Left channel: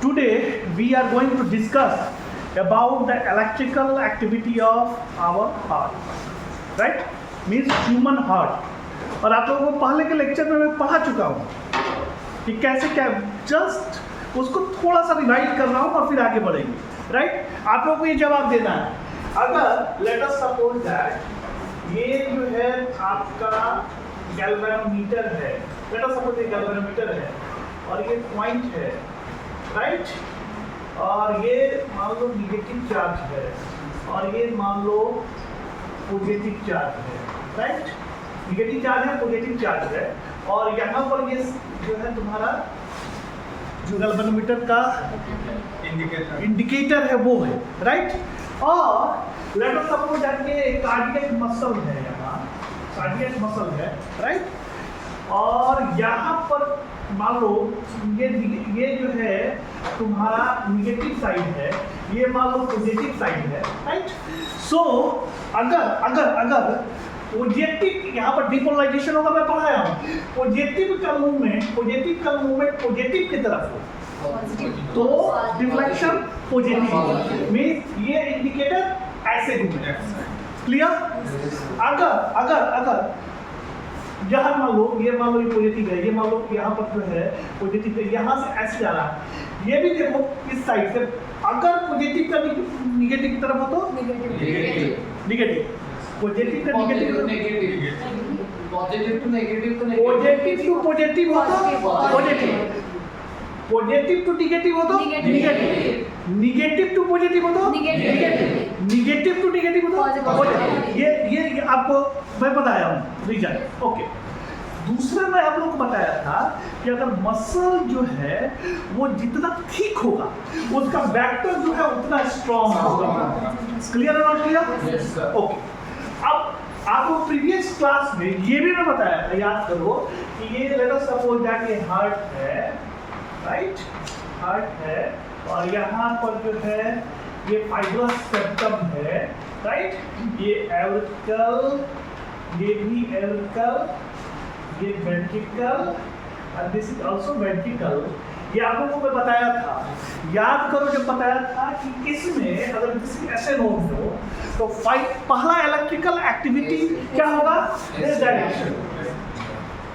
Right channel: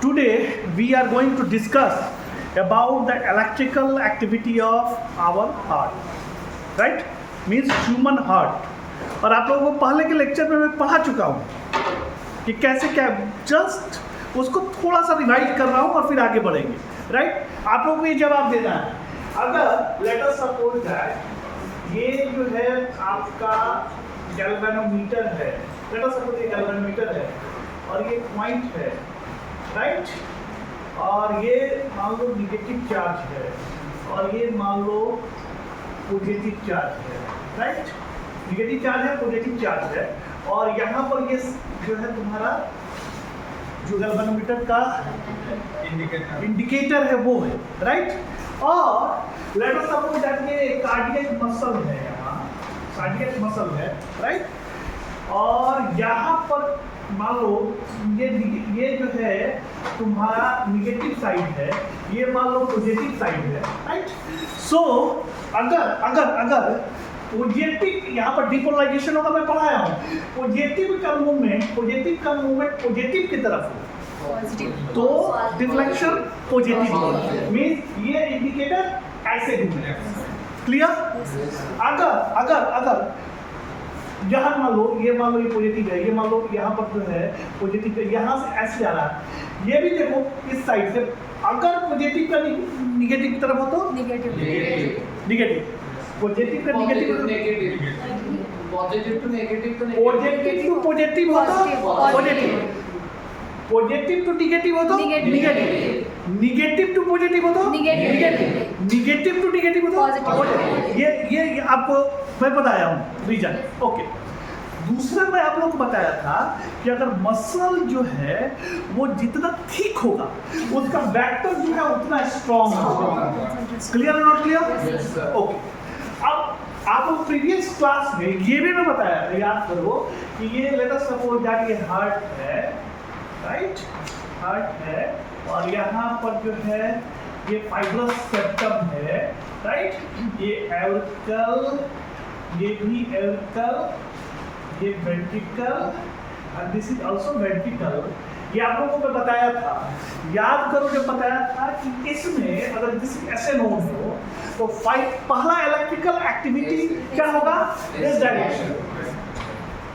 Today we are going to discuss about the electrical activity of our heart, right? Means human heart. और आप लोगों को पहले के लेक्चर में मैं पढ़ा चुका हूँ कि कैसे क्या, जस्ट उसको थोड़ा सा रिवाइज कर रहा हूँ और फिर आगे बढ़ेंगे, राइट? आप लोगों को ये जवाब देना है। अगर लेट अस सपोज दैट ये जो है आपका गैल्वेनोमीटर है, लेट अस सपोज ये गैल्वेनोमीटर है और ये पॉइंट है, राइट? और ये मान लो निगेटिव चार्ज है और ये मान लो पॉजिटिव चार्ज है, राइट? निगेटिव चार्ज है, पॉजिटिव चार्ज है, और यहाँ पर ये जो है तुम्हारा जो गैल्वेनोमीटर का इंडिकेटर है वो है, राइट? और लेट अस सपोज दैट ये कार्डियक मसल है, यहाँ कार्डियक मसल है, राइट? और यहाँ पर मान लो ये जो है तुम्हारा निगेटिव साइड है, ये मान लो पॉजिटिव साइड है, राइट? सो अगर पॉजिटिव यहाँ पर डिपोलराइजेशन होगा, मैं पढ़ाया हूँ, पॉजिटिव का मूवमेंट पॉजिटिव की तरफ हो तो डिफ्लेक्शन पॉजिटिव मीन्स ये इंडिकेटर ऐसे घूमेगा, क्लियर? अगर यहाँ मान लो ये पॉजिटिव है, ये मान लो यहाँ पर जो है पॉजिटिव है, यहाँ से ऐसे जा रहा है, ये भी देखो इस साइड से, अगर पॉजिटिव का निगेटिव की तरफ हो तो निगेटिव, पॉजिटिव का नेगेटिव, पॉजिटिव टू नेगेटिव तो पॉजिटिव टू पॉजिटिव हो तो पॉजिटिव, पॉजिटिव टू नेगेटिव हो तो नेगेटिव, निगेटिव टू पॉजिटिव हो तो नेगेटिव, निगेटिव टू नेगेटिव हो तो पॉजिटिव। ये आपको मैं बताया हूँ रीजन, ओके। दूसरा मैं आप लोगों को बताया था कि अगर मसल जो है वो जितना थिक होगा उसका वेक्टर जो है उतना स्ट्रॉन्ग होगा। क्लियर है नॉट क्लियर? ओके। अब आप लोग प्रीवियस क्लास में ये भी मैं बताया था, याद करो कि ये लेट अस सपोज दैट ये हार्ट है, राइट? हार्ट है और यहाँ पर जो है ये फाइब्रस सेप्टम है, राइट? ये एवरिकल, ये भी एवरिकल, ये ventricle and this is also ventricle. ये आप लोगों को मैं बताया था, याद करो जब बताया था कि इसमें अगर किसी ऐसे नोड हो तो पहला इलेक्ट्रिकल एक्टिविटी क्या होगा? इस direction,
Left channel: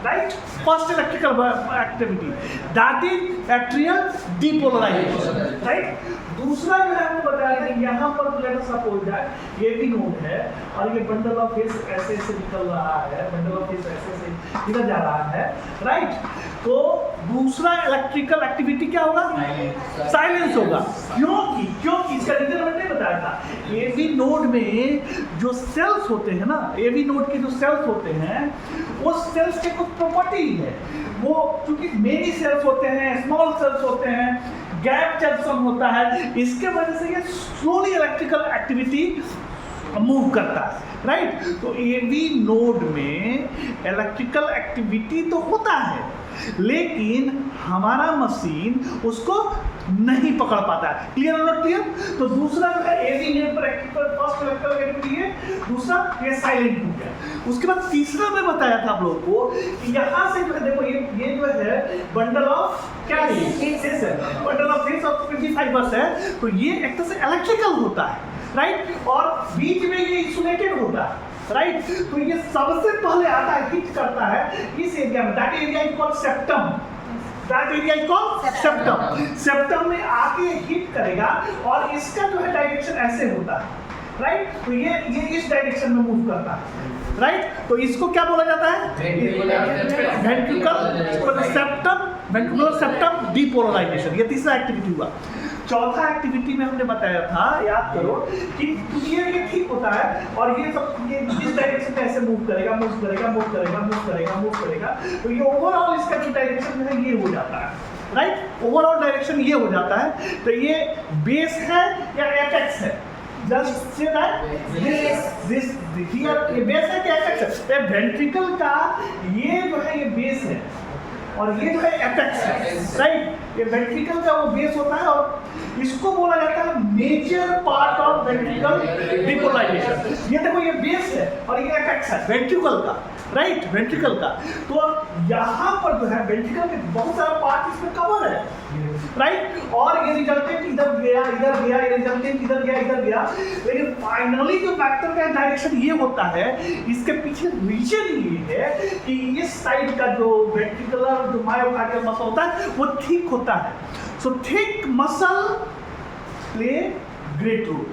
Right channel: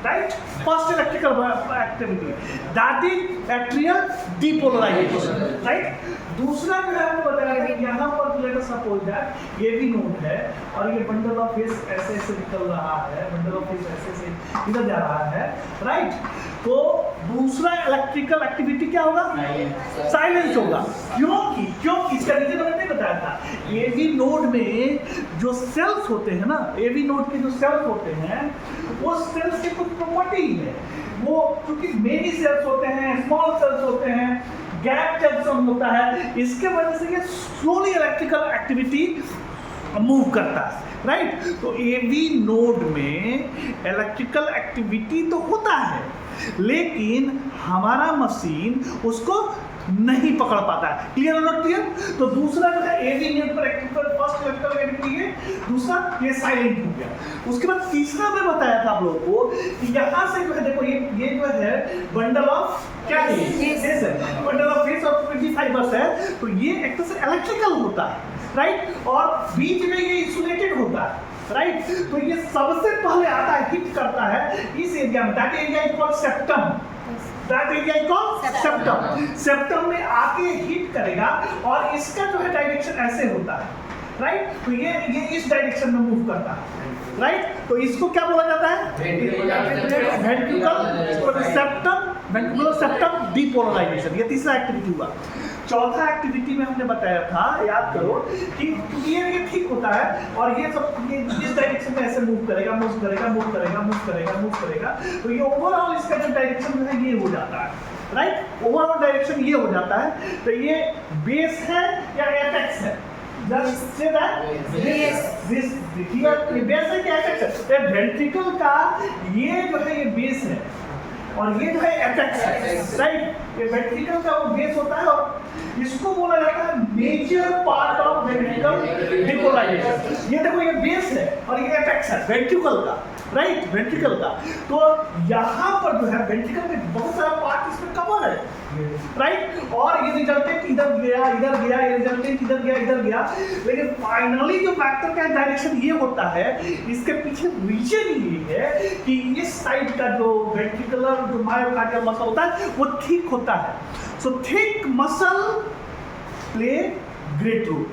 right? First electrical activity that is atrial depolarization, right? दूसरा जो है हमने बताया था यहाँ पर लेट अस सपोज दैट ये भी नोड है और ये बंडल ऑफ फेस ऐसे निकल रहा है, बंडल ऑफ फेस ऐसे इधर जा रहा है, राइट? तो दूसरा इलेक्ट्रिकल एक्टिविटी क्या होगा? साइलेंस होगा। क्योंकि इसका रीजन मैंने नहीं बताया था। एवी नोड में जो सेल्स होते हैं ना, एवी नोड के जो सेल्स होते हैं वो सेल्स के कुछ प्रॉपर्टी है, वो क्योंकि मेनी सेल्स होते हैं, स्मॉल सेल्स होते हैं, गैप जंक्शन होता है, इसके वजह से ये स्लोली इलेक्ट्रिकल एक्टिविटी मूव करता है, राइट? तो एवी नोड में इलेक्ट्रिकल एक्टिविटी तो होता है लेकिन हमारा मशीन उसको नहीं पकड़ पाता है। Clear not clear? तो दूसरा जो है एवी नोड पर इलेक्ट्रिकल फर्स्ट इलेक्ट्रिकल एक्टिविटी है, दूसरा ये साइलेंट हो गया। उसके बाद तीसरा मैं बताया था आप लोगों को कि यहाँ से जो है देखो ये जो है बंडल ऑफ क्या है? फेस है, bundle of face of 25 fibres है, तो ये एक तरह से इलेक्ट्रिकल होता है, राइट? और बीच में ये इंसुलेटेड होता है, राइट? तो ये सबसे पहले आता है, हिट करता है इस एरिया में, that area is called septum, that area is called septum. Septum में आके हिट करेगा और इसका जो है डायरेक्शन ऐसे होता है, राइट? तो ये इस डायरेक्शन में मूव करता है, राइट? तो इसको क्या बोला जाता है? Ventricle septum, ventricular septum depolarization. ये तीसरा एक्टिविटी हुआ। चौथा एक्टिविटी में हमने बताया था, याद करो कि ये ठीक होता है और ये सब ये इस डायरेक्शन में ऐसे मूव करेगा, तो ये ओवरऑल इसका जो डायरेक्शन है ये हो जाता है, राइट? ओवरऑल डायरेक्शन ये हो जाता है। तो ये बेस है या एपेक्स है? जस्ट से दैट दिस ये बेस है कि एपेक्स है? वेंट्रिकल का ये जो है ये बेस है और ये जो है एपेक्स है, राइट? ये वेंट्रिकल का वो बेस होता है और इसको बोला जाता है major part of ventricle depolarization. ये देखो ये बेस है और ये एपेक्स है वेंट्रिकल का, राइट? वेंट्रिकल का। तो यहाँ पर जो है वेंट्रिकल के बहुत सारा पार्ट इसमें कवर है, राइट। और ये रिजल्टेंट इधर गया, ये रिजल्टेंट इधर गया, लेकिन फाइनली जो वेक्टर का डायरेक्शन ये होता है, इसके पीछे रीजन ये है कि इस साइड का जो वेंट्रिकुलर जो मायोकार्डियल मसल होता है वो थिक होता है। So thick muscle play great role,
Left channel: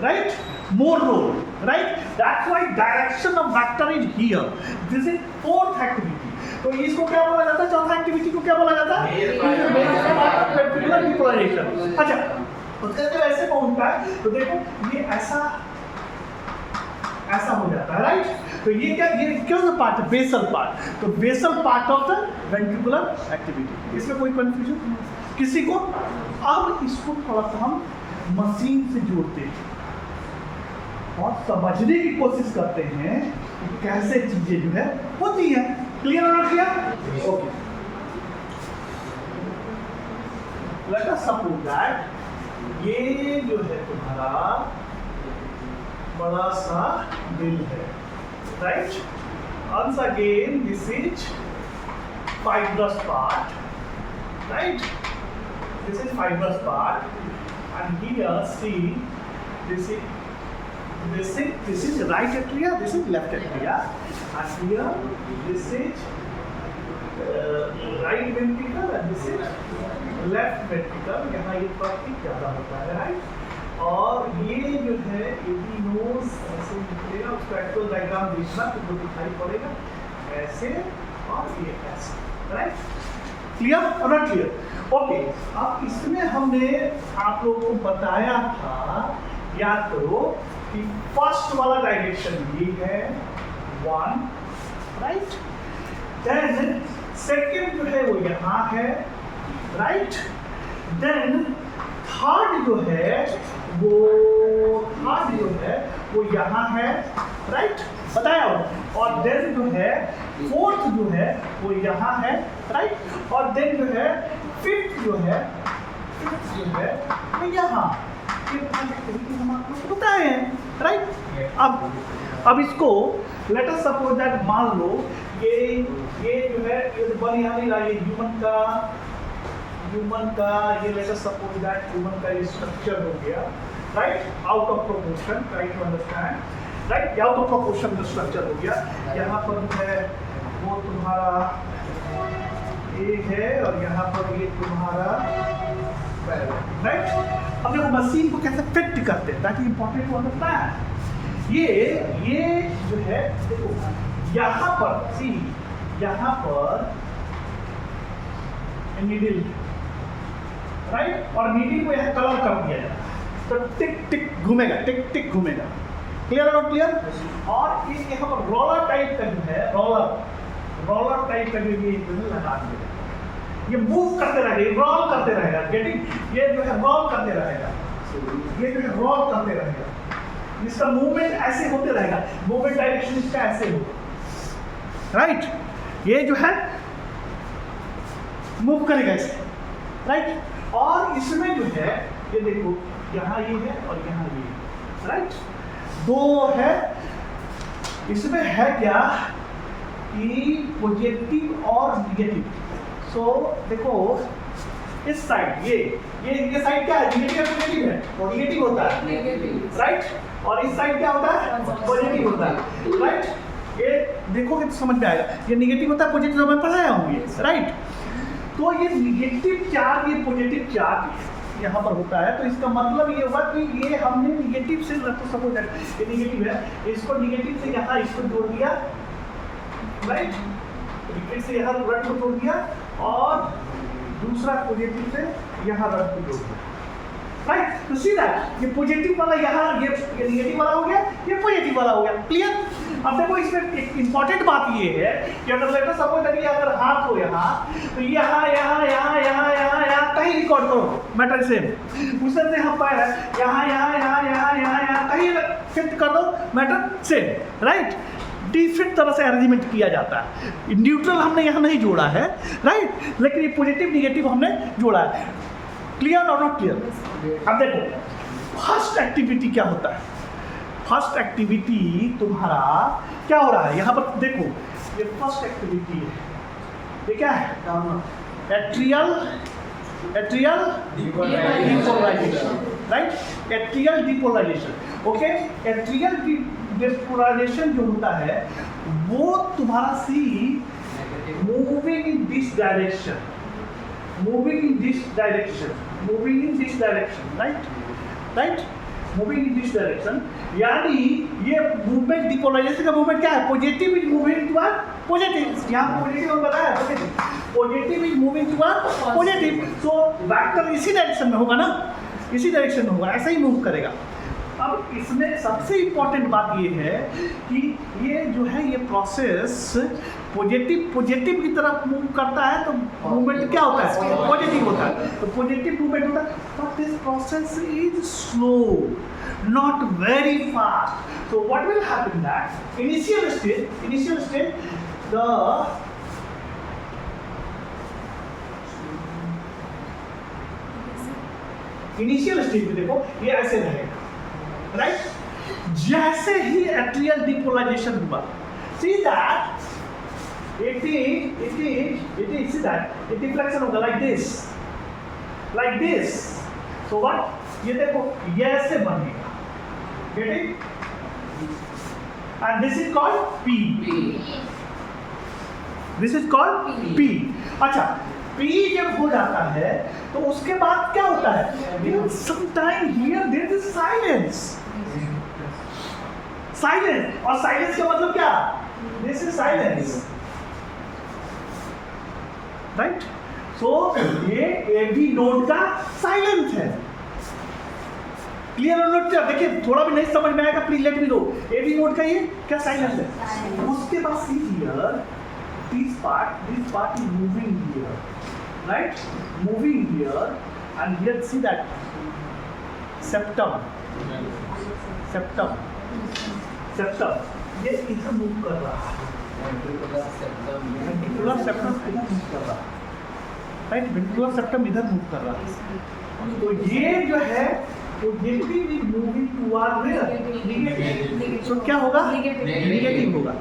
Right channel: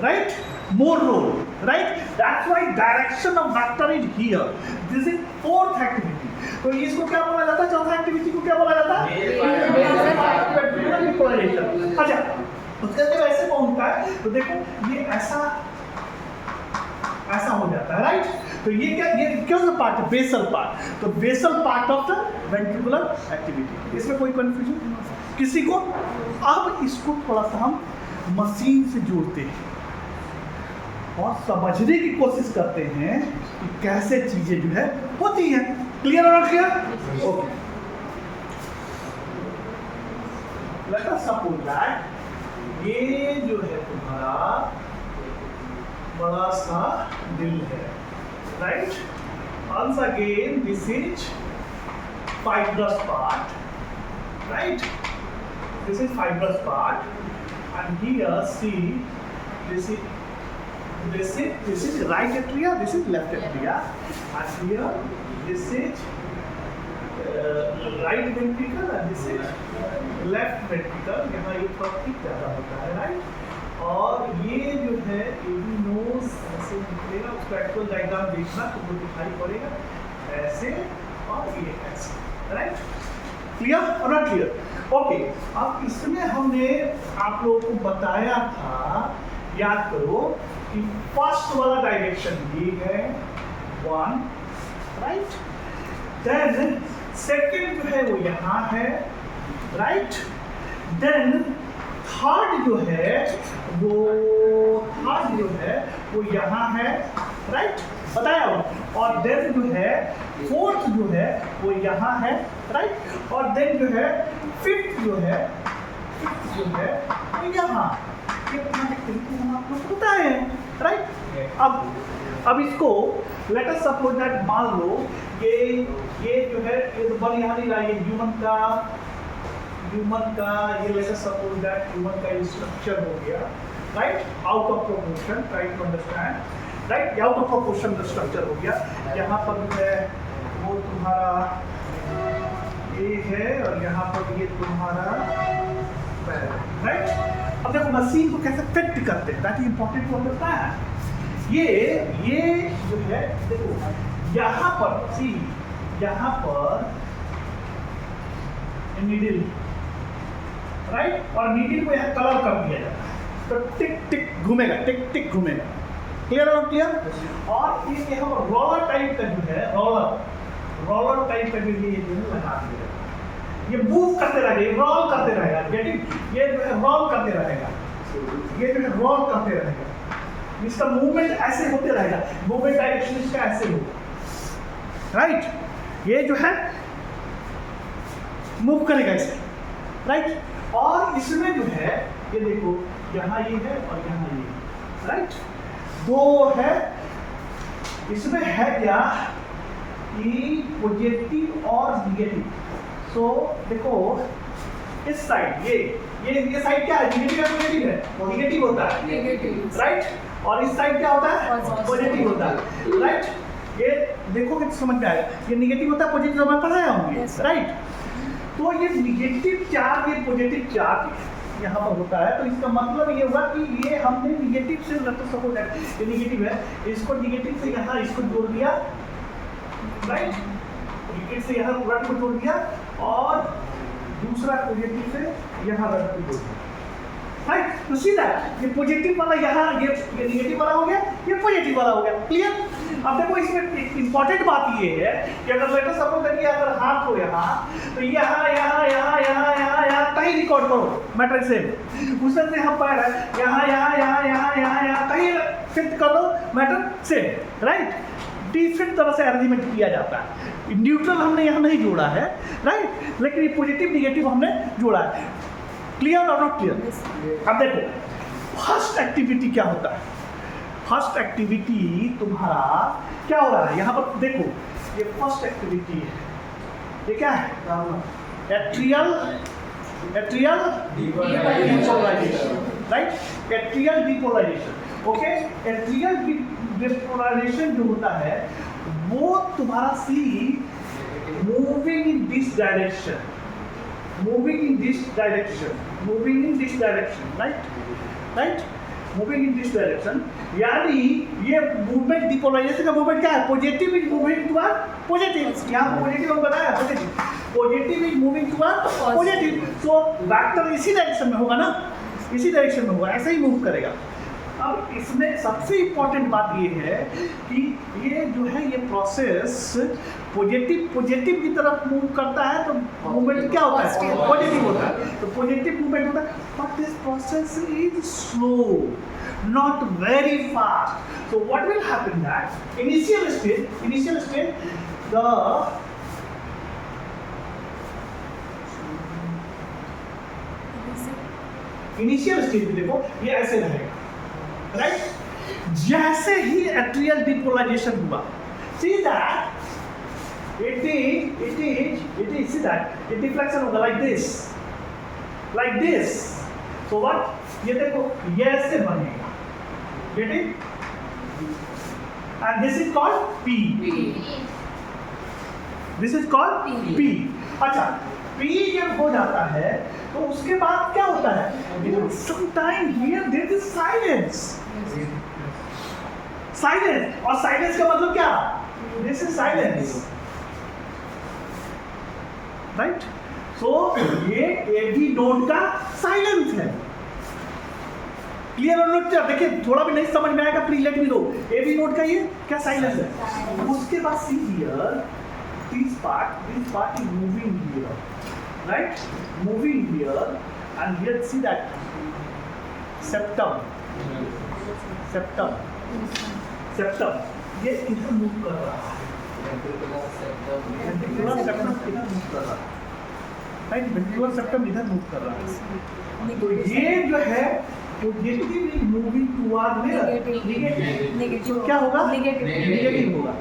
right, more role, right? That's why direction of vector is here. This is fourth activity. तो इसको क्या बोला जाता है? चौथा एक्टिविटी को क्या बोला जाता है? Ventricular depolarization. अच्छा, उसका जब ऐसे पहुंचता है तो देखो ये ऐसा हो जाता है, राइट? तो ये क्या पार्ट है? Basal part. तो basal part of the ventricular activity. इसमें कोई कंफ्यूजन किसी को? अब इसको थोड़ा सा हम मशीन से जोड़ते हैं और समझने की कोशिश करते हैं कि कैसे चीजें जो है होती हैं। क्लियर हो clear? Okay, late us suppose that ये जो है तुम्हारा बड़ा सा दिल है, right? Once again this is fibrous part, right? This is fibrous part, and here see this is right atria, this is left atria, and here this is right ventricle and this is left ventricle। यहाँ ये प्रतीक ज़्यादा होता है, right? और ये जो है एपिनोज ऐसे निकलेगा, उसका एक्चुअल डायग्राम देखना तो वो दिखाई पड़ेगा ऐसे और ये ऐसे, राइट? क्लियर और नॉट क्लियर? ओके, अब इसमें हमने आप लोगों को बताया था, याद करो कि फर्स्ट वाला डायरेक्शन ये है 1, राइट? देन सेकंड जो है वो यहाँ है, राइट? देन थर्ड जो है वो यहाँ है, राइट? बताया हो। और देन जो है फोर्थ जो है वो यहाँ है, राइट? और देन जो है फिफ्थ जो है वो यहाँ। हम आप लोग को बताए हैं, राइट? अब इसको लेट अस सपोज दैट मान लो ये जो है ये तो बन यहाँ नहीं रहा, ये ह्यूमन का ये let us suppose that human का ये स्ट्रक्चर हो गया, right? Out of proportion, try to understand, right? Out of proportion the structure हो गया। यहाँ पर जो है वो तुम्हारा ये है और यहाँ पर ये तुम्हारा पैर है, राइट? अब देखो मशीन को कैसे फिट करते हैं, ताकि इंपॉर्टेंट टू अंडरस्टैंड। ये जो है देखो यहाँ पर यहाँ पर नीडल, राइट? और नीडल को यहाँ कलर कर दिया जाता है तो टिक टिक घूमेगा, क्लियर है नॉट क्लियर? और ये यहाँ पर रोलर टाइप का जो है रोलर टाइप का जो ये लगा दिया जाएगा, ये मूव करते रहेगा, रोल करते रहेगा, गेटिंग? ये जो है रोल करते रहेगा, इसका मूवमेंट ऐसे होते रहेगा, मूवमेंट डायरेक्शन इसका ऐसे होगा, राइट? ये जो है मूव करेगा इसे, राइट? और इसमें जो है ये देखो यहाँ ये है और यहाँ ये है, राइट? दो है, इसमें है क्या कि पॉजिटिव और निगेटिव। सो देखो इस साइड ये साइड क्या है? नेगेटिव और पॉजिटिव है, वो नेगेटिव होता है, राइट? और इस साइड क्या होता है? पॉजिटिव होता है, राइट? ये देखोगे तो समझ में आएगा, ये नेगेटिव होता है, पॉजिटिव हमें पढ़ाया होंगे, राइट? तो ये नेगेटिव चार्ज, ये पॉजिटिव चार्ज यहाँ पर होता है, तो इसका मतलब ये हुआ कि ये हमने नेगेटिव से सपोज ये नेगेटिव है, इसको नेगेटिव से यहाँ इसको जोड़ दिया, राइट? नेगेटिव से यहाँ रड को जोड़ दिया और दूसरा पॉजिटिव से यहाँ रड को जोड़ दिया, राइट? तो सीधा ये पॉजिटिव वाला यहाँ ये नेगेटिव वाला हो गया, ये पॉजिटिव वाला हो गया, क्लियर? अब देखो इसमें एक इंपॉर्टेंट बात ये है कि अगर लेटर सपोज करिए अगर हाथ हो यहाँ तो यहाँ कहीं रिकॉर्ड करो मैटर सेम, उसमें से हम पैर है यहाँ कहीं फिट कर दो मैटर सेम, राइट? डिफरेंट तरह से अरेंजमेंट किया जाता है। न्यूट्रल हमने यहाँ नहीं जोड़ा है, राइट? लेकिन ये पॉजिटिव निगेटिव हमने जोड़ा है। क्लियर और नॉट क्लियर? अब देखो फर्स्ट एक्टिविटी क्या होता है। फर्स्ट एक्टिविटी तुम्हारा क्या हो रहा है, यहाँ पर देखो ये फर्स्ट एक्टिविटी है, ये क्या है? Atrial atrial depolarization, right, atrial depolarization. Okay, atrial depolarization जो होता है वो तुम्हारा see moving in this direction, moving in this direction, moving in this direction, right, right, moving in this direction. यानी ये मूवमेंट डिपोलराइजेशन का मूवमेंट क्या है? Positive is moving toward positive. यहाँ पॉजिटिव हम बताया, positive, positive is moving toward positive. So vector इसी direction में होगा ना, इसी डायरेक्शन में होगा, ऐसा ही मूव करेगा। अब इसमें सबसे इम्पोर्टेंट बात ये है कि ये जो है ये प्रोसेस पॉजिटिव की तरफ मूव करता है तो मूवमेंट क्या होता है? पॉजिटिव होता है, तो पॉजिटिव मूवमेंट होता है। But this process is slow, not very fast. So what will happen that initial stage the initial stage में देखो ये ऐसे रहेगा, राइट। जैसे ही एट्रियल डिपोलराइजेशन हुआ, see that it is see that it deflection होगा like this, so what, ये देखो ये ऐसे बनेगा, getting, and this is called P, this is called P। अच्छा, P जब हो जाता है तो उसके बाद क्या होता है? Sometime here there is silence, और साइलेंस का मतलब क्या? This is silence, right. So ये एबी नोड का साइलेंस है। क्लियर और नोट? क्या देखिए, थोड़ा भी नहीं समझ में आएगा please let me know. AB node का ये क्या साइलेंस है। उसके बाद see here this part is moving here, right, moving here, and here see that septum ये इधर मूव कर रहा है, वेंट्रिकुलर सेप्टम इधर मूव कर रहा है, राइट, वेंट्रिकुलर सेप्टम इधर मूव कर रहा है। तो ये जो है positive is moving toward negative, तो क्या होगा? नेगेटिव होगा।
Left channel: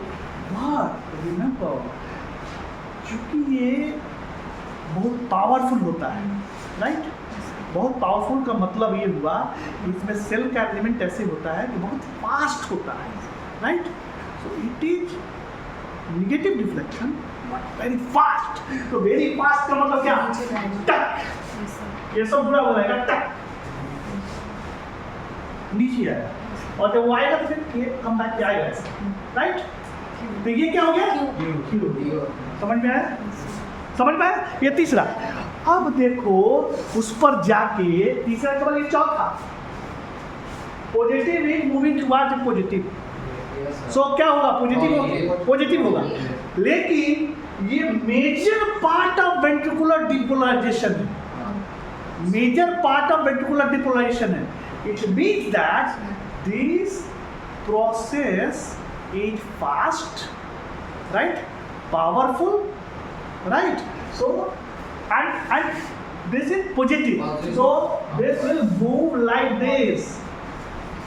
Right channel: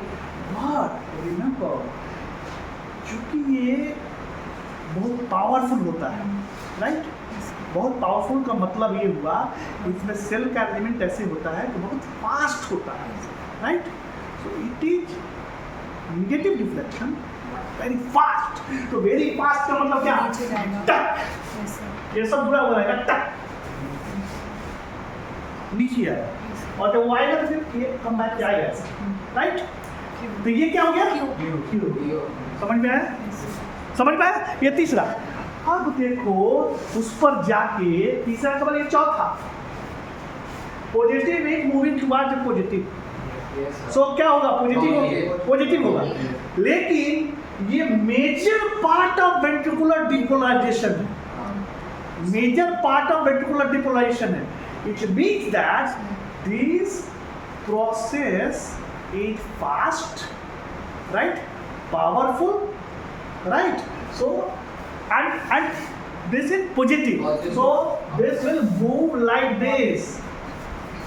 बट रिमेंबर, क्योंकि ये बहुत पावरफुल होता है, राइट, बहुत पावरफुल का मतलब ये हुआ इसमें सेल का एलिमेंट ऐसे होता है कि बहुत फास्ट होता है, right. So it is negative deflection very fast. तो वेरी फास्ट का मतलब क्या? टक, ये सब जुड़ा हुआ रहेगा, टक नीचे आएगा, और जब वो आएगा तो फिर ये कम बैक पे आएगा ऐसे, राइट। तो ये क्या हो गया? क्यू। समझ में आया? समझ में आया? ये तीसरा। अब देखो उस पर जाके तीसरा का मतलब ये चौथा, positive is moving toward positive. So क्या होगा? पॉजिटिव होगा। लेकिन ये major part of ventricular depolarization है, major part of ventricular depolarization है। It means that this process is fast, right, powerful, right. So and this is positive, so this will move like this।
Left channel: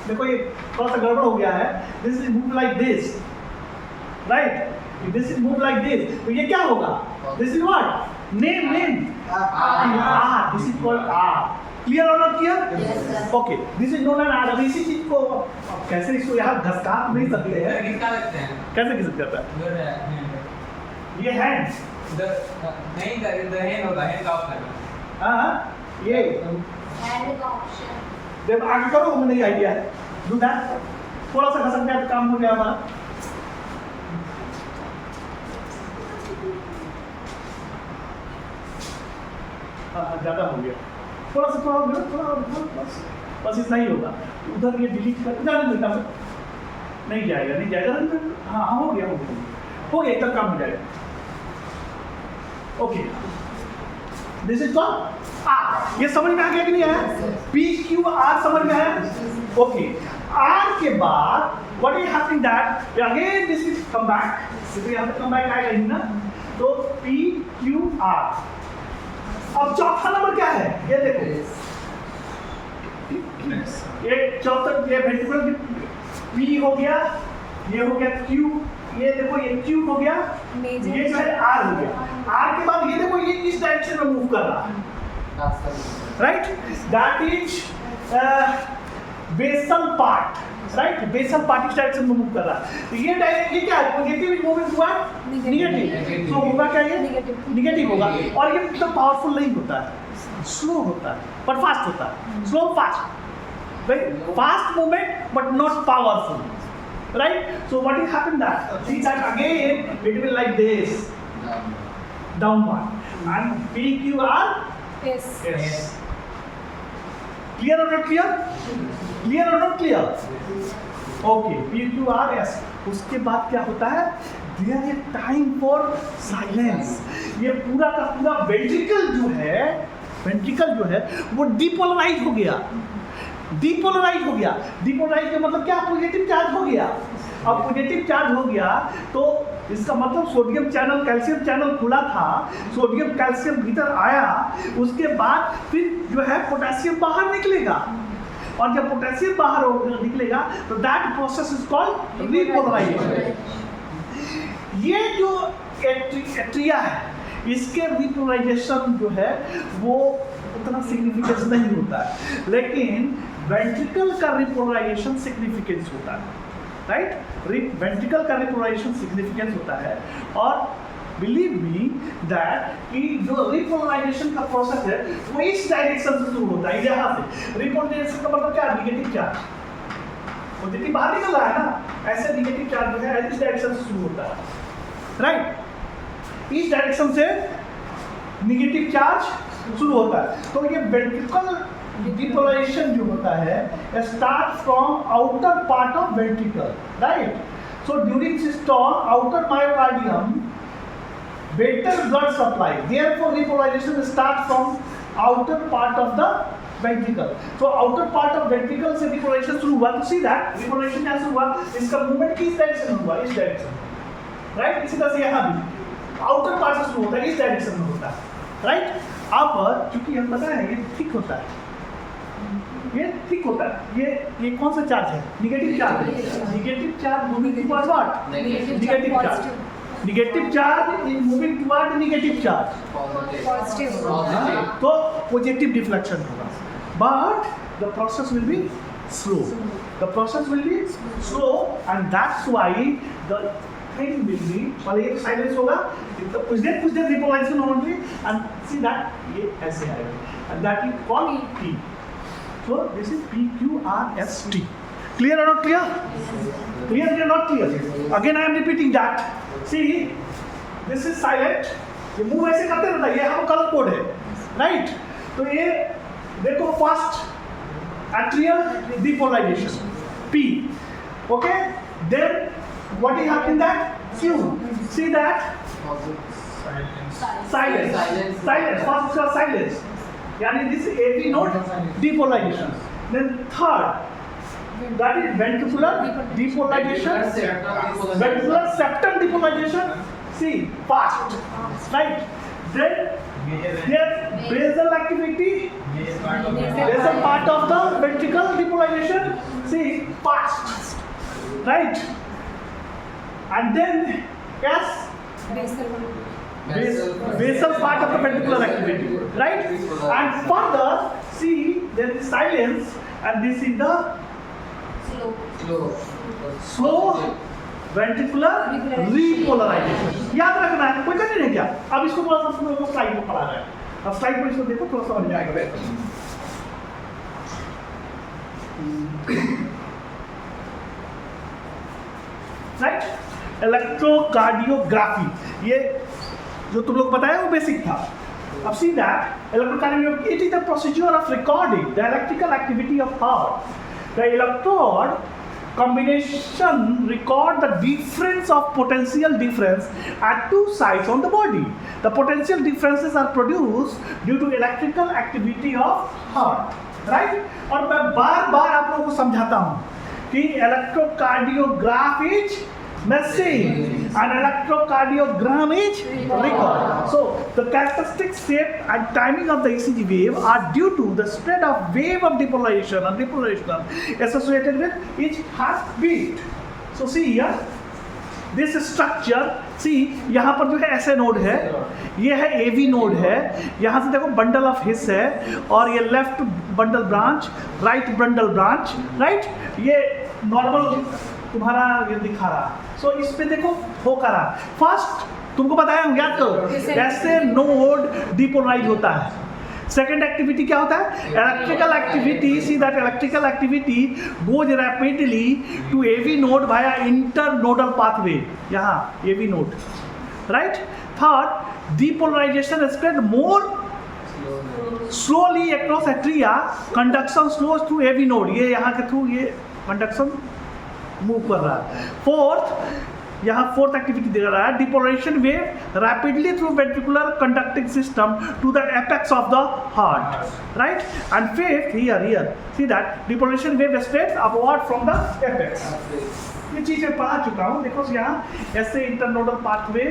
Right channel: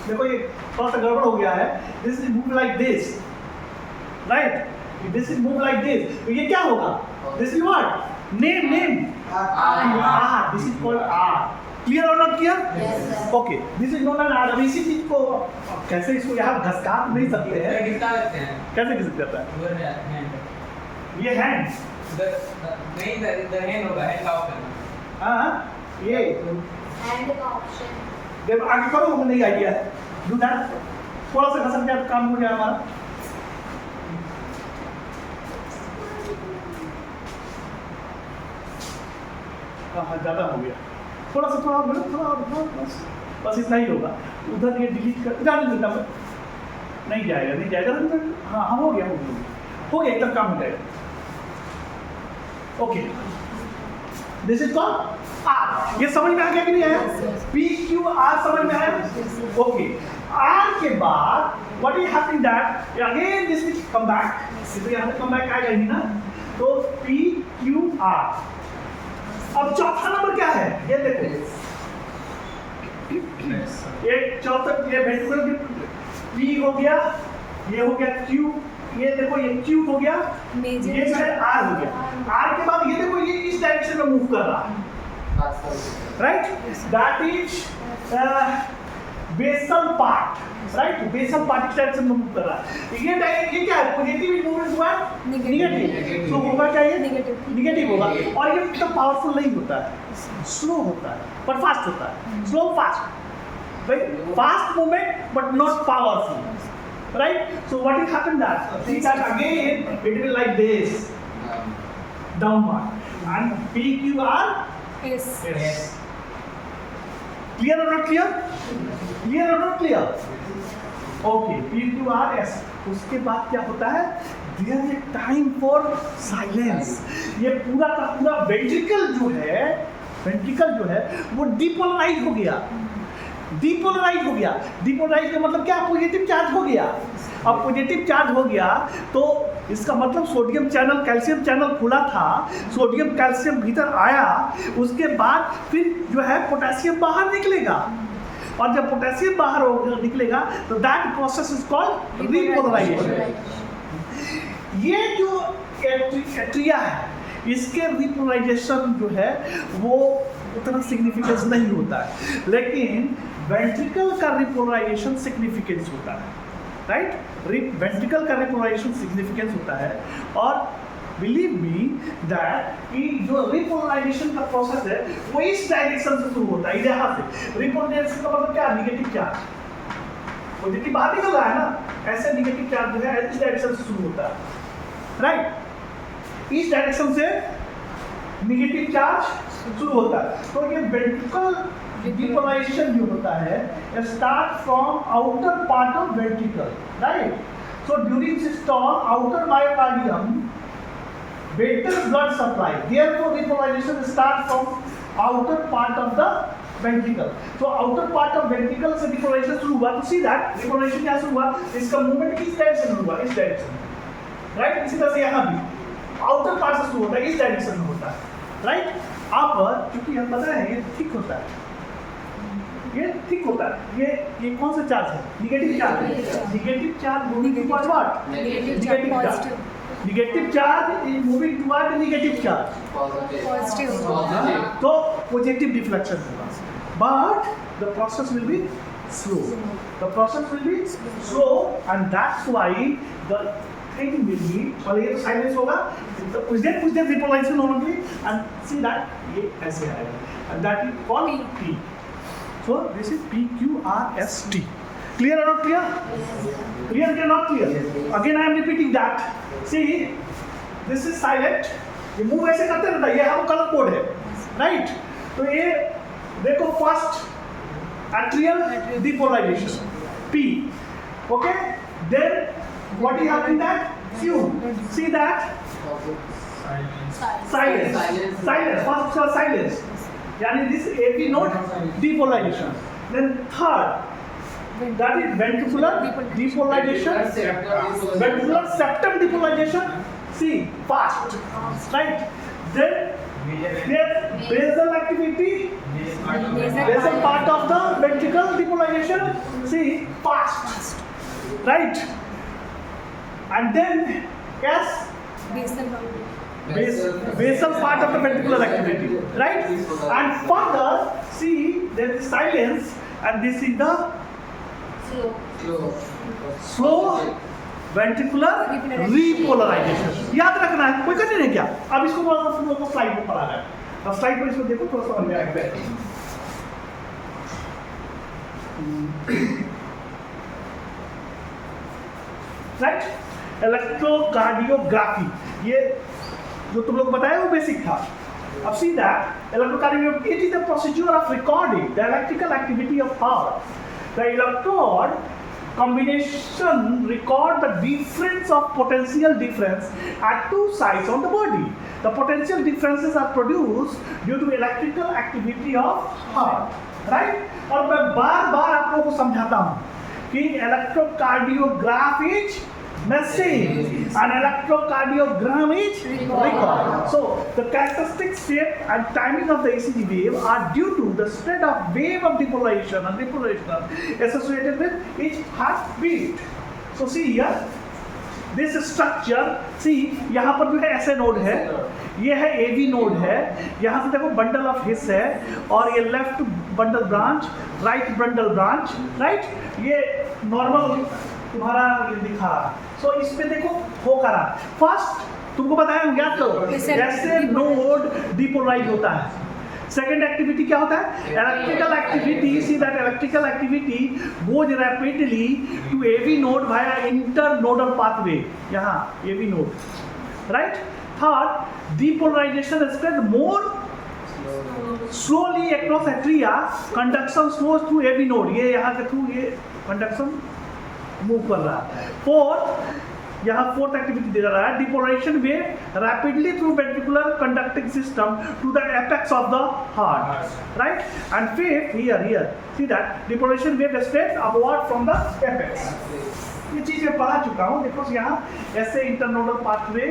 देखो ये थोड़ा सा गड़बड़ हो गया है, this will move like this, right, this will move like this। तो ये क्या होगा? this is what? name R, this is called R। clear or not clear? Yes sir। okay, this is known as R। अब इसी चीज को कैसे इसको यहाँ घसका नहीं सकते हैं, कैसे घिस करता है? ये हैंड नहीं, the hand होगा, hand ऑफ करना। हाँ, ये एंड का ऑप्शन जब आगे करो मुझे नहीं आइडिया है, डू दैट, थोड़ा सा घसक जाए काम हो गया हमारा। हाँ, ज़्यादा हो गया, थोड़ा बस इतना ही होगा। उधर ये डिलीट कर जाने देता मैं, नहीं जाएगा। हाँ हो गया, एकदम काम हो जाएगा। Okay, this is called R. ये समझ में आ गया कि नहीं आया? पी क्यू आर समझ में आया? ओके, आर के बाद what is happening that again this will come back, तो यहाँ पे कम बैक आएगा ही ना, तो पी क्यू आर। अब चौथा नंबर क्या है? ये देखो, ये चौथा, ये वेंट्रिकुलर पी हो गया, ये हो गया क्यू, ये देखो ये क्यू हो गया, ये जो है आर हो गया। आर के बाद ये देखो ये इस डायरेक्शन में मूव कर रहा है, right? That is basal part, right? Basal part इस डायरेक्शन में मूव कर रहा है। ये क्या है? Positive is moving toward negative. तो होगा क्या ये? नेगेटिव होगा। और ये इतना पावरफुल नहीं होता है, स्लो होता है, पर फास्ट होता है। Slow fast, right? Fast movement but not powerful, right? So what will happen that? See that again it will like this, downward, and PQR Yes. Yes. clear or not clear? Clear or not clear? Okay, PQRS. उसके बाद क्या होता है? There is a time for silence. ये पूरा का पूरा ventricle जो है वो डिपोलराइज हो गया। डिपोलराइज हो गया। डिपोलराइज का मतलब क्या? पॉजिटिव चार्ज हो गया। अब पॉजिटिव चार्ज हो गया तो इसका मतलब सोडियम चैनल कैल्शियम चैनल खुला था, सोडियम कैल्शियम भीतर आया, उसके बाद फिर जो है पोटेशियम बाहर निकलेगा, और जब पोटेशियम बाहर निकलेगा तो that process is called repolarization. ये जो एट्रिया है इसके रिपोलराइजेशन जो है वो उतना सिग्निफिकेंस नहीं होता है, लेकिन वेंट्रिकल का रिपोलराइजेशन सिग्निफिकेंस होता है, राइट? वेंट्रिकल का रिपोलराइजेशन सिग्निफिकेंस होता है। और बिलीव मी दैट कि जो रिपोलराइजेशन का प्रोसेस है वो इस डायरेक्शन से शुरू होता है, यहाँ से। रिपोलराइजेशन का मतलब क्या? नेगेटिव चार्ज, पॉजिटिव बाहर निकल रहा है ना, ऐसे नेगेटिव चार्ज जो है इस डायरेक्शन से शुरू होता है, राइट? इस डायरेक्शन से नेगेटिव चार्ज शुरू होता है। तो ये वेंट्रिकल डिपोलराइजेशन जो होता है start from outer part of ventricle, right? So during systole outer myocardium better blood supply, therefore repolarization starts from outer part of the ventricle. So outer part of ventricle से repolarization शुरू हुआ, तो see that repolarization यहाँ से हुआ, इसका movement किस direction में हुआ? इस डायरेक्शन में, राइट? इसी तरह से यहाँ भी आउटर पार्ट से शुरू होता है, इस डायरेक्शन में होता है, राइट? अब चूंकि हम पता है ये ठीक होता है, ये ठीक होता है, ये कौन सा चार्ज है? नेगेटिव चार्ज है। Negative charge moving toward what? Negative charge. Negative charge is moving toward negative charge, तो पॉजिटिव डिफ्लेक्शन होगा, but the process will be slow. The process will be slow and that's why the thing will be, पहले ये silence होगा, कुछ देर रिपोलाइजेशन होगी and see that ये ऐसे आएगा and that is called P. So this is PQRST. Clear or not clear? Clear or not clear? Again I am repeating that. See, this is silent. ये move ऐसे करते रहता है, ये हम कलर कोड है, राइट? तो ये देखो first atrial depolarization P, okay? Then what is happening that? See that? Silence. First is silence. यानी this AP node depolarization. Then third, that is ventricular depolarization. Ventricular septum depolarization. See, fast, right? Then there's basal activity. Basal part of the ventricle depolarization. See, fast, right? And then yes. Basal part of the ventricular activity, right? And further, see there is silence, and this is the slow ventricular repolarization. याद रखना है, कोई करने नहीं क्या? अब इसको थोड़ा सा लोगों को स्लाइड में पढ़ा रहा है, अब स्लाइड पर इसको देखो, थोड़ा समझ में आएगा बेहतर। राइट? इलेक्ट्रोकार्डियोग्राफी, ये जो तुम लोग बताया वो बेसिक था। अब see that electrocardiography, it is the procedure of recording the electrical activity of heart. The electrode combination record the difference of potential difference at two sides on the body. The potential differences are produced due to electrical activity of heart, right? और मैं बार-बार आप लोगों को समझाता हूँ कि electrocardiograph is machine and electrocardiogram is record. So the characteristic shape and timing of the ECG wave are due to the spread of wave of depolarization and repolarization associated with each heartbeat. So see here, this structure see यहाँ पर जो है ऐसे node है, ये है AV node है, यहाँ से देखो बंडल ऑफ हिस है और ये left bundle branch, right bundle branch, right, ये नॉर्मल तुम्हारा ये दिखा रहा है। सो इस पे देखो हो करा फर्स्ट तुमको बताया याद करो, ऐसे नोड डिपोलराइज होता है। सेकेंड एक्टिविटी क्या होता है? Electrical activity. See that electrical activity goes rapidly to AV node via internodal pathway, यहाँ AV node, right. Third, depolarization spread more slowly across atria, conduction slows through AV node, ये यहाँ के through ये conduction move कर रहा है। Fourth, यहाँ fourth activity दे रहा है, depolarization wave rapidly through ventricular conducting system to the apex of the heart, right. And fifth, here see that depolarization wave spread upward from the apex. ये चीज मैं पढ़ा चुका हूँ, देखो यहाँ ऐसे internodal pathway,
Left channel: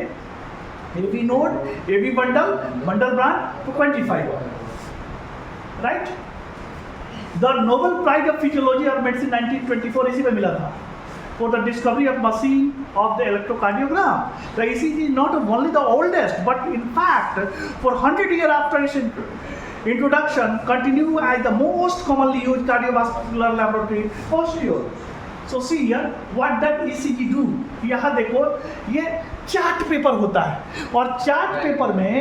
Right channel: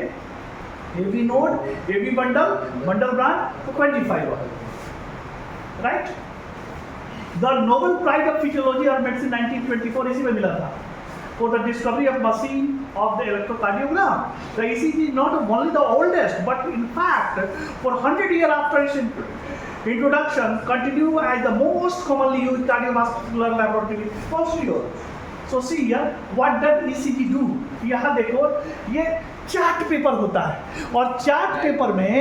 AV node, AV bundle, bundle branch, तो 25, right. The Nobel prize of physiology और मेडिसिन 1924 इसी में मिला था for the discovery of machine of the electrocardiogram. The ECG is not only the oldest, but in fact, for 100 years after its introduction, continue as the most commonly used cardiovascular laboratory posterior. So see here, what does ECG do? यहाँ देखो, ये chart paper होता है और chart paper में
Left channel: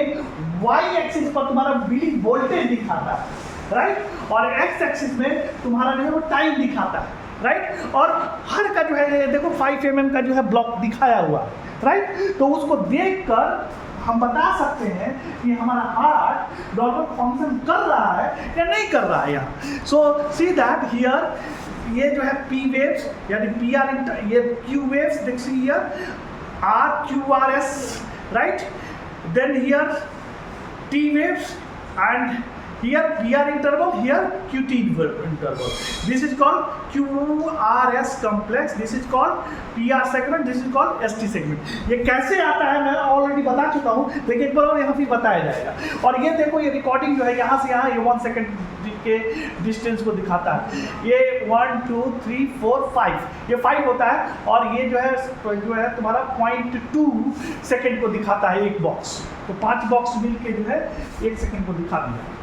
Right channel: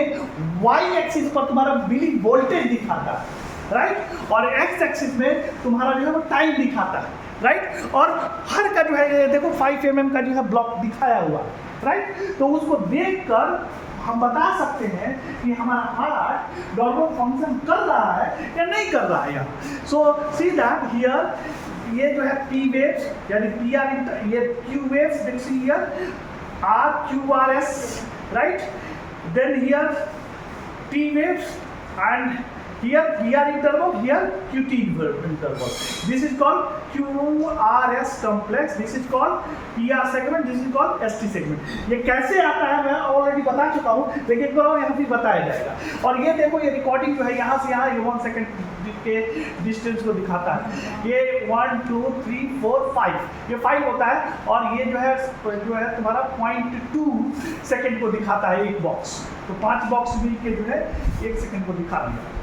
y axis पर तुम्हारा मिली voltage दिखाता है, राइट, और x एक्सिस में तुम्हारा जो है वो टाइम दिखाता है, राइट। और हर का जो है देखो 5 mm का जो है ब्लॉक दिखाया हुआ, राइट। तो उसको देखकर हम बता सकते हैं कि हमारा हार्ट नॉर्मल फंक्शन कर रहा है या नहीं कर रहा है यहाँ। सो सी दैट हियर, ये जो है पी वेव्स यानी पी आर, ये क्यू वेव्स देख see here, R Q R S, right. Then here T waves and here PR interval, here QT interval. This is called QRS complex, this is called PR segment, this is called ST segment. ये कैसे आता है मैं already बता चुका हूँ, लेकिन एक बार और यहाँ फिर बताया जाएगा। और ये देखो, ये रिकॉर्डिंग जो है यहाँ से यहाँ ये 1 सेकेंड के डिस्टेंस को दिखाता है। ये 1 2 3 4 5, ये 5 होता है और ये जो है तुम्हारा 0.2 सेकेंड को दिखाता है एक बॉक्स। तो 5 बॉक्स मिल के जो है 1 सेकेंड को दिखा दिया।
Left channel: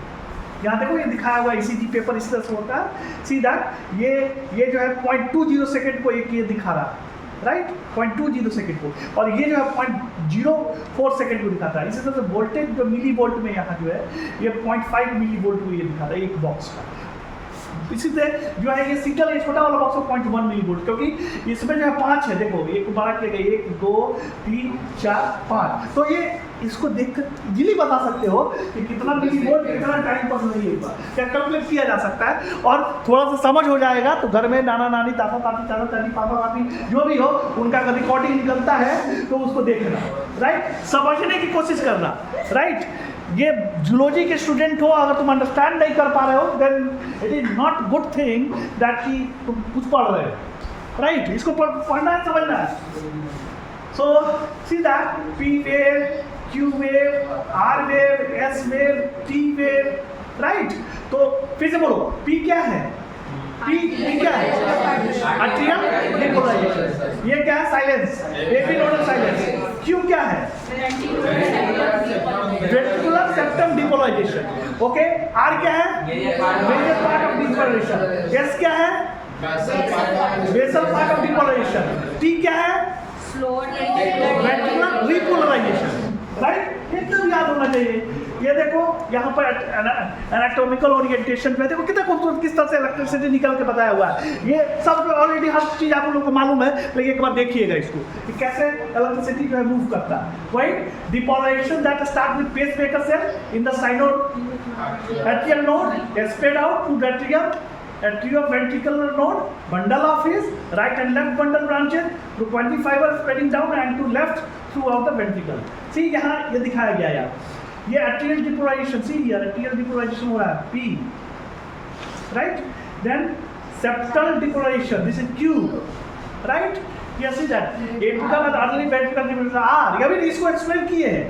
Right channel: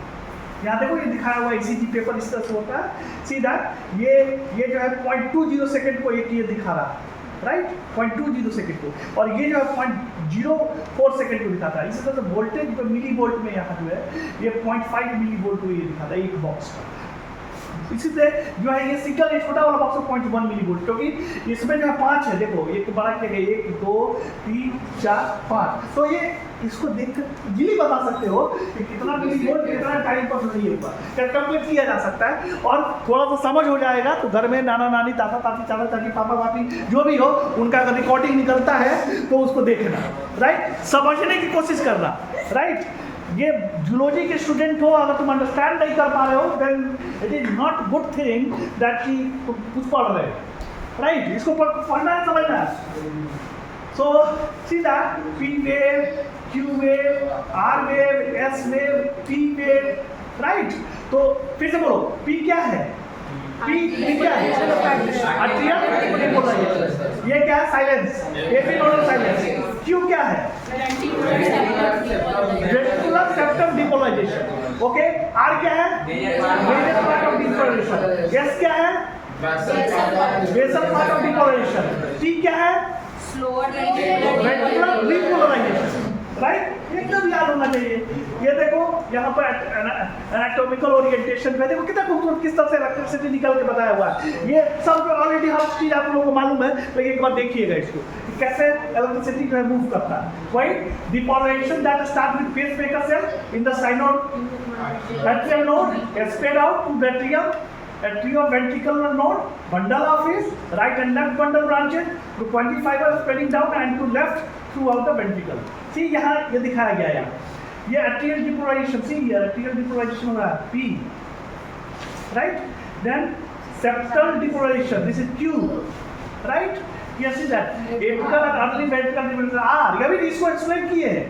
यहाँ देखो ये दिखाया हुआ ECG पेपर इस तरह से होता है। सी दैट ये जो है 0.20 सेकेंड को ये दिखा रहा है, राइट, 0.20 सेकेंड को, और ये जो है 0.04 सेकेंड को दिखाता है। इसी तरह से वोल्टेज जो मिली वोल्ट में यहाँ जो है ये 0.5 मिली वोल्ट को ये दिखाता है एक बॉक्स का। इसी से जो है ये सीटल ये छोटा वाला बॉक्स 0.1 मिली वोल्ट, क्योंकि इसमें जो है 5 है, देखो एक बड़ा किया गया 1 2 3 4 5, तो ये इसको देखकर इजीली बता सकते हो कि कितना मिली वोल्ट कितना टाइम पर नहीं है, कैलकुलेट किया जा सकता है। और थोड़ा सा समझ हो जाएगा तो घर में नाना नानी दादा दादी चाचा चाची पापा पापी जो भी हो उनका अगर रिकॉर्डिंग निकलता है तो उसको देखना, राइट, समझने की कोशिश करना, राइट। ये जूलॉजी के स्टूडेंट हो, अगर तुम अंडरस्टैंड नहीं कर पा रहे हो then it is not good thing that कि तुम कुछ पढ़ रहे हो, राइट। इसको पढ़ना है, समझना है। So see that P wave, Q wave, R wave, S wave, T wave, right. तो फिर से बोलो, पी क्या है? पी क्या है? Atrium depolarization. ये क्या है? Silence, AV nodal silence. क्यू क्या है? Ventricular septum depolarization. Okay, R क्या है? Major part of depolarization. S क्या है? Basal part of depolarization. T क्या है? Ventricular repolarization, right. एकदम याद होना चाहिए। ये देखो यहाँ पर एनाटॉमिकल ओरिएंटेशन में देखो कितना खूबसूरत किस तरह से इलेक्ट्रिसिटी निकल के बताया हुआ है। ये सब ऑलरेडी हर चीज़ आप लोगों को मालूम है, लेकिन एक बार देखिएगा इसको कि कैसे इलेक्ट्रिसिटी जो है मूव करता है, right. Depolarization that start with pacemaker cell in the sinoatrial node spread out to the atrioventricular node, bundle of his right and left bundle branches to 25 are spreading down and to left throughout the ventricle. See यहाँ ये दिखाया गया है, ये atrial depolarization, see here atrial depolarization हो रहा है P, right? Then septal depolarization, this is Q, right? Yes, see that apical and early ventricular depolarization R, ये भी इसको एक्सप्लेन किए हैं।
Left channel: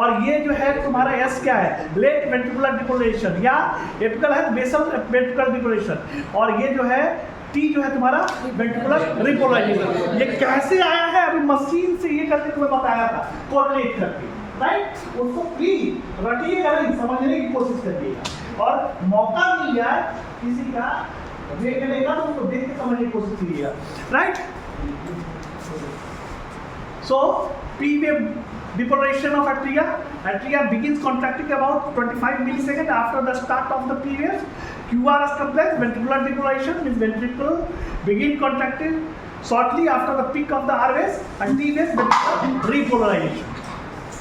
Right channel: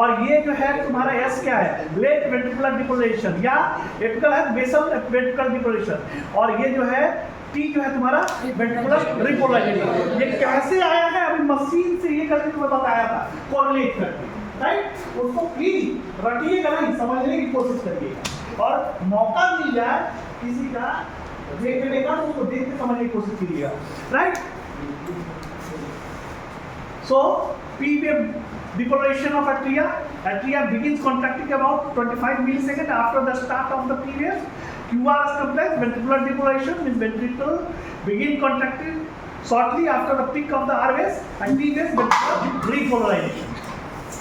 और ये जो है तुम्हारा एस क्या है? लेट वेंट्रिकुलर डिपोलराइजेशन, या एपिकल है बेसल वेंट्रिकुलर डिपोलराइजेशन, और ये जो है टी जो है तुम्हारा वेंट्रिकुलर रिपोलाइजेशन। ये कैसे आया है अभी मशीन से ये करके तुम्हें बताया था कोरिलेट करके, राइट। उसको प्लीज रखिएगा नहीं, समझने की कोशिश करिएगा और मौका मिल जाए किसी का देखने का तो उसको देख के समझने की कोशिश कीजिएगा, right. So P wave depolarization of atria. Atria begins contracting about 25 milliseconds after the start of the P wave. QRS complex ventricular depolarization means ventricle begin contracting shortly after the peak of the R wave, and T wave ventricular repolarization,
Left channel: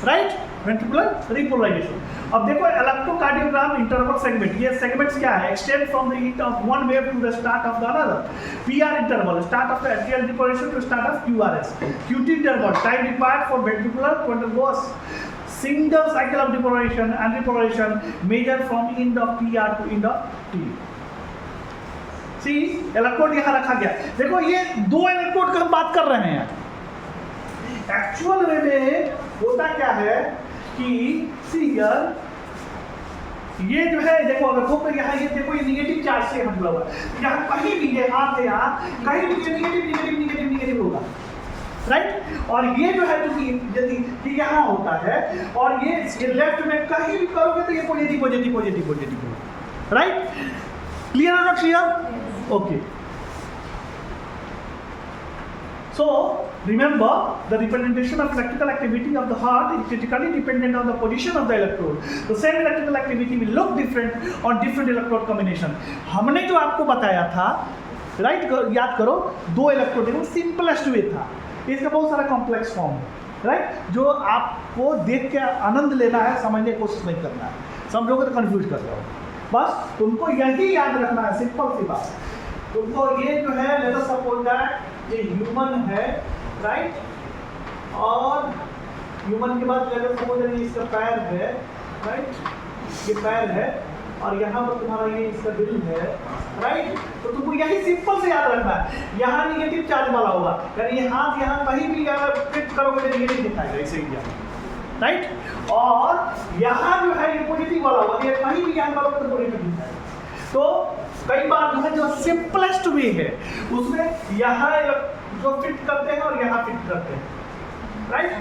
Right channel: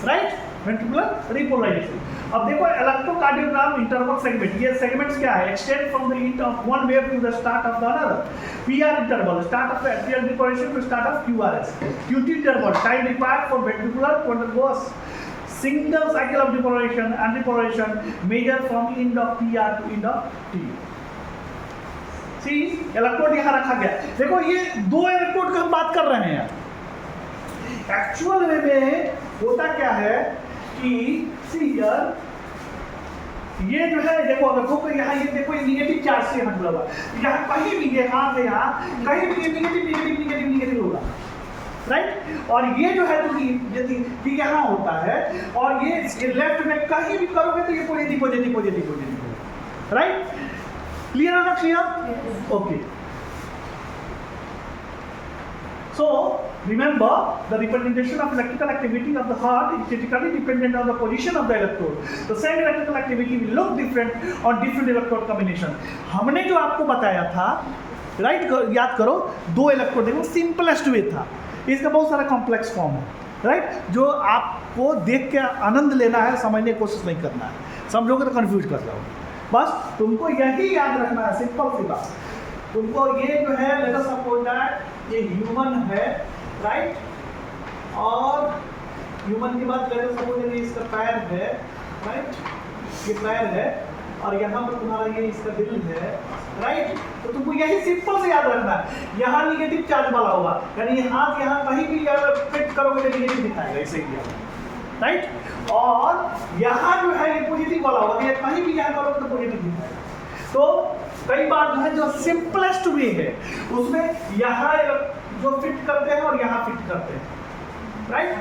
right? Ventricular repolarization. अब देखो electrocardiogram interval segment, ये segments क्या है? Extend from the hit of one wave to the start of the another. PR interval start of the atrial depolarization to start of QRS. QT interval time required for ventricular to undergo single cycle of depolarization and repolarization measure from end of PR to end of T. See electrode यहाँ रखा गया, देखो ये दो electrode की हम बात कर रहे हैं। एक्चुअल वे में होता क्या है कि सी ये जो है देखो, अगर तो यहाँ ये देखो ये निगेटिव चार्ज से मतलब हुआ, यहाँ कहीं भी ये हाथ है, यहाँ कहीं भी ये निगेटिव निगेटिव निगेटिव निगेटिव होगा, राइट। और ये जो है यदि ये यहाँ होता है और ये लेफ्ट में कहीं भी करोगे तो ये पॉजिटिव पॉजिटिव पॉजिटिव पॉजिटिव होगा, राइट। क्लियर है ना? Clear, okay. So remember, the representation of electrical activity of the heart is critically dependent on the position of the electrode. The same electrical activity will look different on different electrode combination. हमने जो आपको बताया था, right, याद करो, दो electrode देखो, simplest way था। इसका बहुत सारा कॉम्प्लेक्स फॉर्म है, राइट, जो आपको देख के आनंद लेना है, समझने की कोशिश नहीं करना है। समझोगे तो कंफ्यूज कर रहे हो। बस तुमको यही याद रखना है, सिंपल सी बात। तुमको ये जो है, लेट अस सपोज दैट ये ह्यूमन है, राइट, और ह्यूमन के बाद लेट अस सपोज दैट इसका पैर है, राइट, ये पैर है और यहाँ पर तुम्हारा ये इसका दिल है, राइट। तो तुमको यही सिंपल से याद रखना है। यहाँ निगेटिव चार्ज वाला होगा, यानी ये हाथ यहाँ कहीं भी अगर फिट करोगे तो निगेटिव दिखाएगा, ऐसे ही दिया, राइट। और यहाँ जो है ये पॉजिटिव वाला होगा, ये कहीं भी यहाँ करोगे तो पॉजिटिव दिखाएगा। तो कई बार जो है जो सिंपलेस्ट वे है उसमें यहाँ जो फिट करते हैं और यहाँ फिट करते हैं, राइट,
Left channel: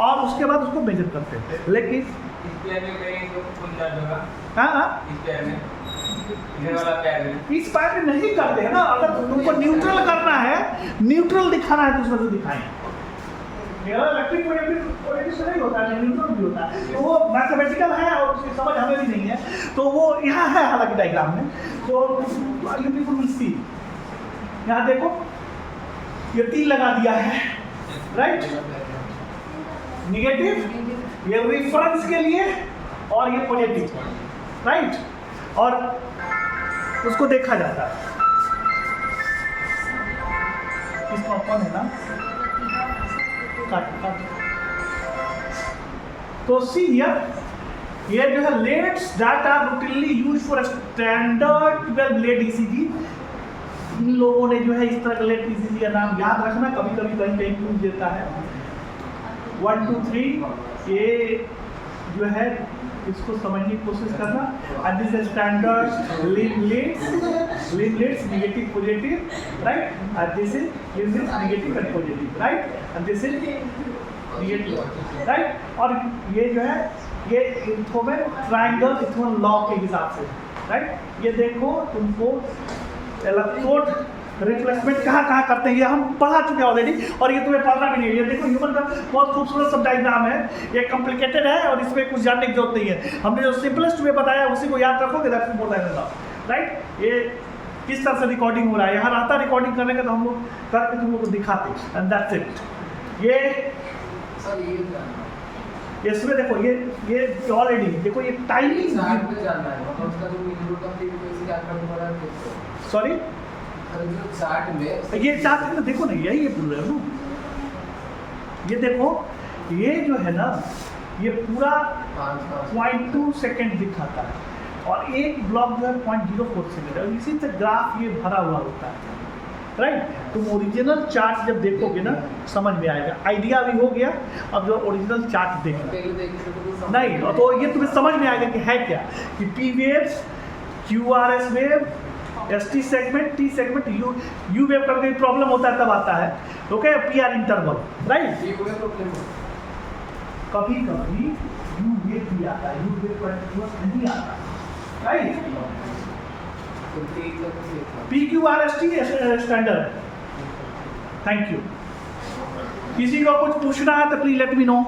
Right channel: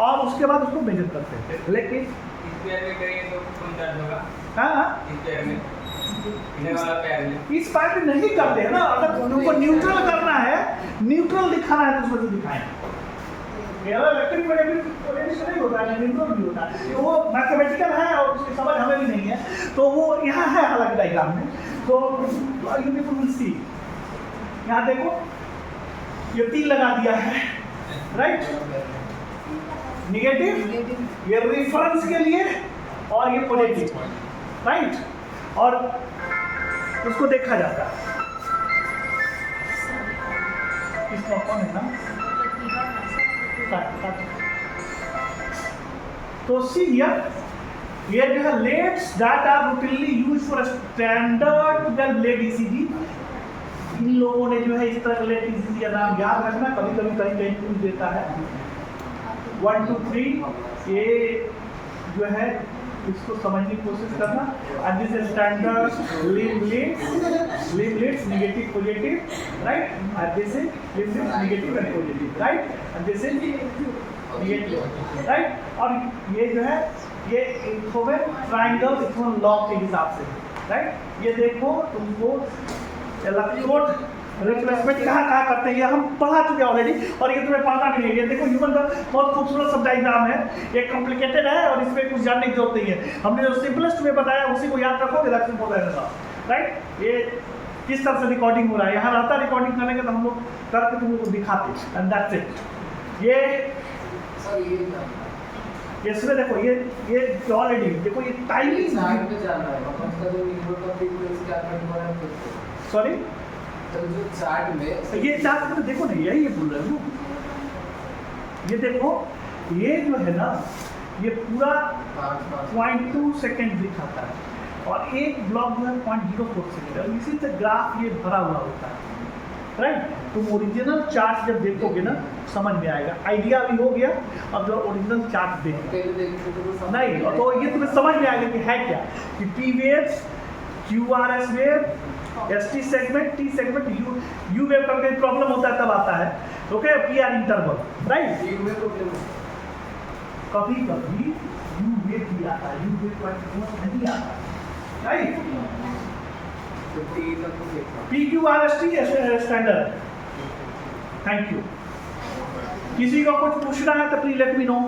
और उसके बाद उसको मेजर करते हैं। लेकिन इस पैर में करेंगे तो कौन चार्ज होगा? हाँ, इस पैर में, इधर वाला पैर में, इस पैर में नहीं करते हैं ना। अगर तुमको न्यूट्रल करना है, न्यूट्रल दिखाना है तो उसमें दिखाएं। मेरा इलेक्ट्रिक पोटेंशियल से नहीं होता है, न्यूट्रल भी होता है, तो वो मैथमेटिकल है और उसकी समझ हमें भी नहीं है, तो वो यहाँ है हालांकि डायग्राम में। तो यू पीपल विल सी, यहाँ देखो ये तीन लगा दिया है, राइट, निगेटिव ये रेफरेंस के लिए और ये पॉजिटिव, राइट, और उसको देखा जाता है। इसका कौन है ना, तो सी हियर, ये जो है leads that are routinely used for standard 12 lead ECG. इन लोगों ने जो है इस तरह लेट ईसीजी का नाम याद रखना, कभी कभी कहीं कहीं पूछ देता है। 1 2 3 ये जो है इसको समझने की कोशिश करना। And this is standard limblets negative positive, right, and this is limblets negative and positive, right, and this is negative, right. और ये जो है ये इन्फोमेन ट्रायंगल इथोन लॉ के हिसाब से, राइट। ये देखो तुमको इलेक्ट्रोड रिप्लेसमेंट कहाँ कहाँ करते हैं ये हम पढ़ा चुके हैं ऑलरेडी, और ये तुम्हें पढ़ना भी नहीं है। ये देखो ह्यूमन का बहुत खूबसूरत सब डायग्राम है, ये कॉम्प्लिकेटेड है और इसमें कुछ जानने की जरूरत नहीं है। हमने जो सिंपलेस्ट में बताया उसी को याद रखोगे, दैट्स इम्पोर्टेंट, राइट। ये किस तरह से रिकॉर्डिंग हो रहा है, यहाँ रहता है रिकॉर्डिंग करने का तो हम लोग करके तुम लोग को दिखाते, एंड दैट्स इट। ये इसमें देखो ये ऑलरेडी देखो ये टाइमिंग, सॉरी जो चार्ट में, ये चार्ट में देखो ना, यही पूरा है वो, ये देखो ये जो है ना ये पूरा 0.2 सेकेंड दिखाता है और एक ब्लॉक जो है 0.04 सेकेंड है। इसी से ग्राफ ये भरा हुआ होता है, राइट। तुम ओरिजिनल चार्ट जब देखोगे ना समझ में आएगा, आइडिया भी हो गया। अब जो ओरिजिनल चार्ट देखो नहीं तो ये तुम्हें समझ में आएगा कि है क्या, कि P waves, QRS wave S T segment, T segment, you wave का कोई प्रॉब्लम होता है तब आता है, okay, P R interval, right. ये हुए प्रॉब्लम है। कभी कभी यू वेव भी आता है, यू वेव कंटिन्यूअस नहीं आता, राइट। तो टी तक देखा। P Q R S T standard. Thank you. किसी को कुछ पूछना है तो प्लीज लेट मी नो।